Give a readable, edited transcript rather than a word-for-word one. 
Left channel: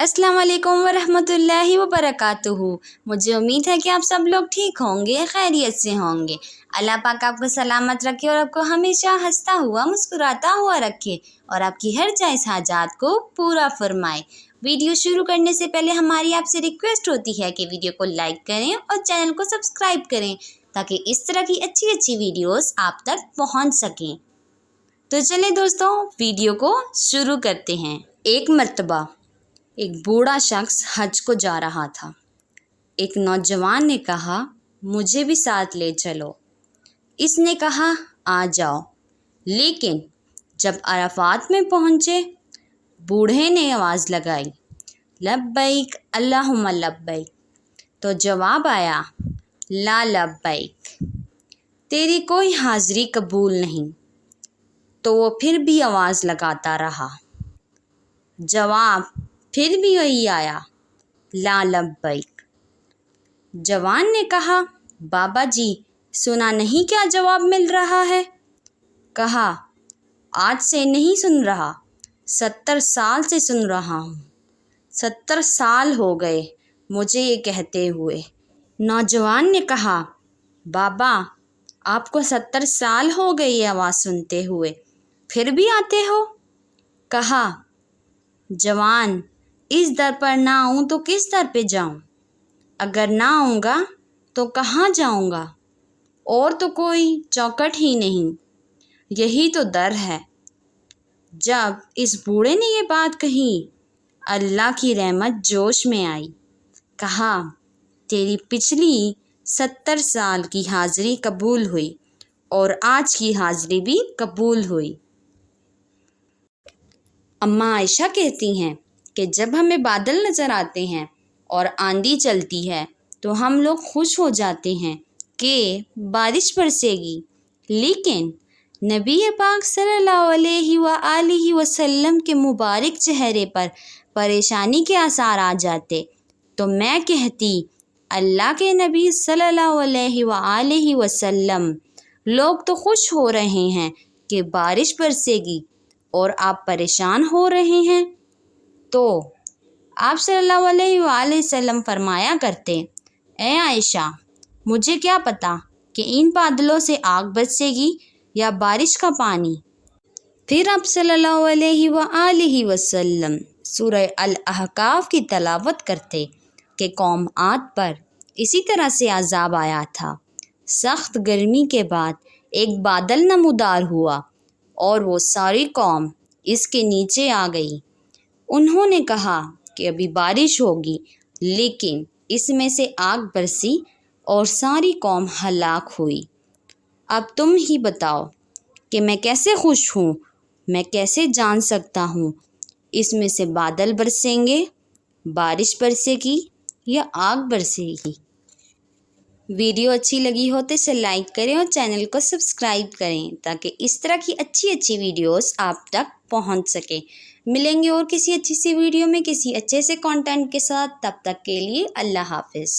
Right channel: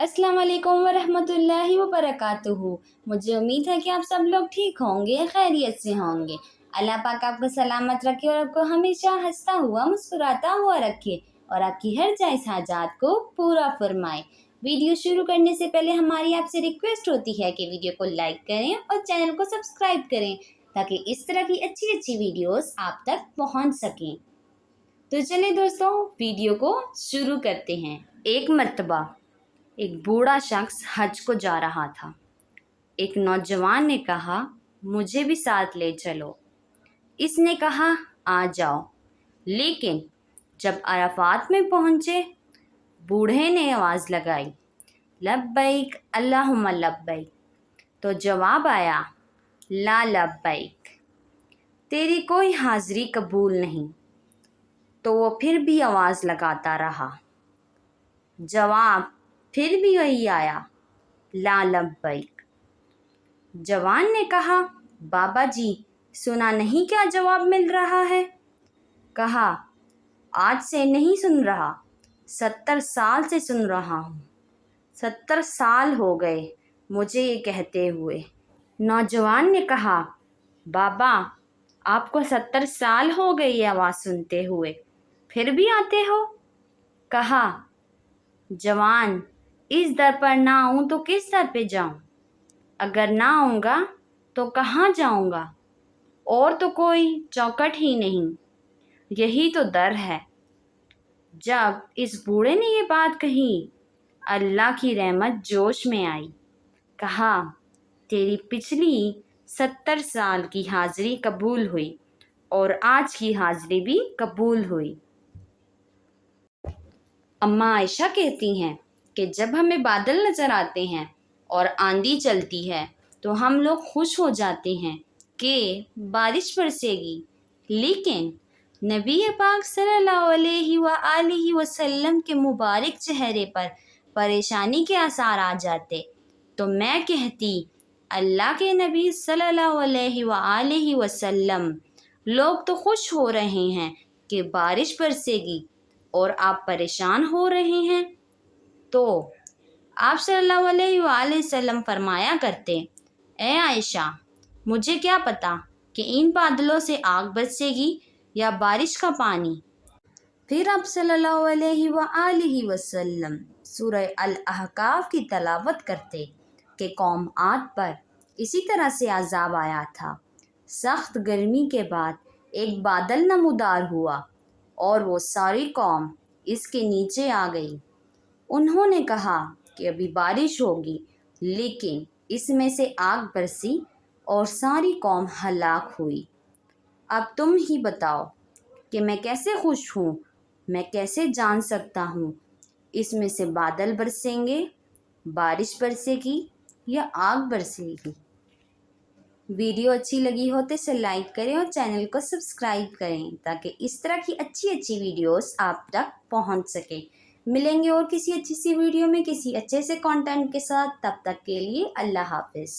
अस्सलाम वालेकुम वरहमतुल्लाहि वबरकातुहू। मुझे उम्मीद है कि आप सब लोग ठीक होंगे, खैरियत से होंगे। अल्लाह पाक आपको सलामत रखे और आपको हमेशा हंसता हुआ मुस्कुराता हुआ रखे और आपकी हर जायज़ हाजात को पूरा फरमाए। वीडियो शुरू करने से पहले हमारी आपसे रिक्वेस्ट होती है कि वीडियो को लाइक करें और चैनल को सब्सक्राइब करें ताकि इस तरह की अच्छी अच्छी वीडियोस आप तक पहुंच सकें। तो चलें दोस्तों, वीडियो को शुरू करते हैं। एक मर्तबा एक बूढ़ा शख्स हज को जा रहा था। एक नौजवान ने कहा, मुझे भी साथ ले चलो। इसने कहा, आ जाओ। लेकिन जब अराफात में पहुँचे, बूढ़े ने आवाज़ लगाई, लब्बैक अल्लाहुम्मा लब्बैक। तो जवाब आया, ला लब्बैक, तेरी कोई हाज़िरी कबूल नहीं। तो वो फिर भी आवाज़ लगाता रहा। जवाब फिर भी वही आया, ला लब्बैक। जवान ने कहा, बाबा जी सुना नहीं क्या जवाब मिल रहा है? कहा, आज से नहीं सुन रहा, 70 साल से सुन रहा हूँ। 70 साल हो गए मुझे ये कहते हुए। नौजवान ने कहा, बाबा आपको 70 साल हो गए ये आवाज़ सुनते हुए, फिर भी आते हो? कहा, जवान इस दर पर ना आऊँ तो किस दर पे जाऊँ? अगर ना आऊँगा तो कहाँ जाऊँगा? और तो कोई चौखट ही नहीं, यही तो दर है। जब इस बूढ़े ने ये बात कही, अल्लाह की रहमत जोश में आई। कहा, तेरी पिछली 70 साल की हाज़िरी कबूल हुई और आज की हाज़िरी भी कबूल हुई। अम्मा आयशा कहती हैं कि जब हमें बादल नज़र आते हैं और आंधी चलती है तो हम लोग खुश हो जाते हैं कि बारिश बरसेगी। लेकिन नबी पाक सल्लल्लाहु अलैहि वसल्लम के मुबारक चेहरे पर परेशानी के आसार आ जाते तो मैं कहती, अल्लाह के नबी सल्लल्लाहु अलैहि वसल्लम, लोग तो खुश हो रहे हैं कि बारिश बरसेगी और आप परेशान हो रहे हैं। तो आप सल्लल्लाहु अलैहि वसल्लम फरमाया करते, ए आयशा, मुझे क्या पता कि इन बादलों से आग बरसेगी या बारिश का पानी। फिर आप सल्लल्लाहु अलैहि वसल्लम सूरह अल-अहकाफ की तलावत करते कि कौम आद पर इसी तरह से अज़ाब आया था। सख्त गर्मी के बाद एक बादल नमूदार हुआ और वो सारी कौम इसके नीचे आ गई। उन्होंने कहा कि अभी बारिश होगी, लेकिन इसमें से आग बरसी और सारी कौम हलाक हुई। अब तुम ही बताओ कि मैं कैसे खुश हूँ, मैं कैसे जान सकता हूँ इसमें से बादल बरसेंगे, बारिश बरसेगी या आग बरसेगी। वीडियो अच्छी लगी हो तो इसे लाइक करें और चैनल को सब्सक्राइब करें ताकि इस तरह की अच्छी अच्छी वीडियोस आप तक पहुंच सके। मिलेंगे और किसी अच्छी सी वीडियो में किसी अच्छे से कंटेंट के साथ। तब तक के लिए अल्लाह हाफ़िज़।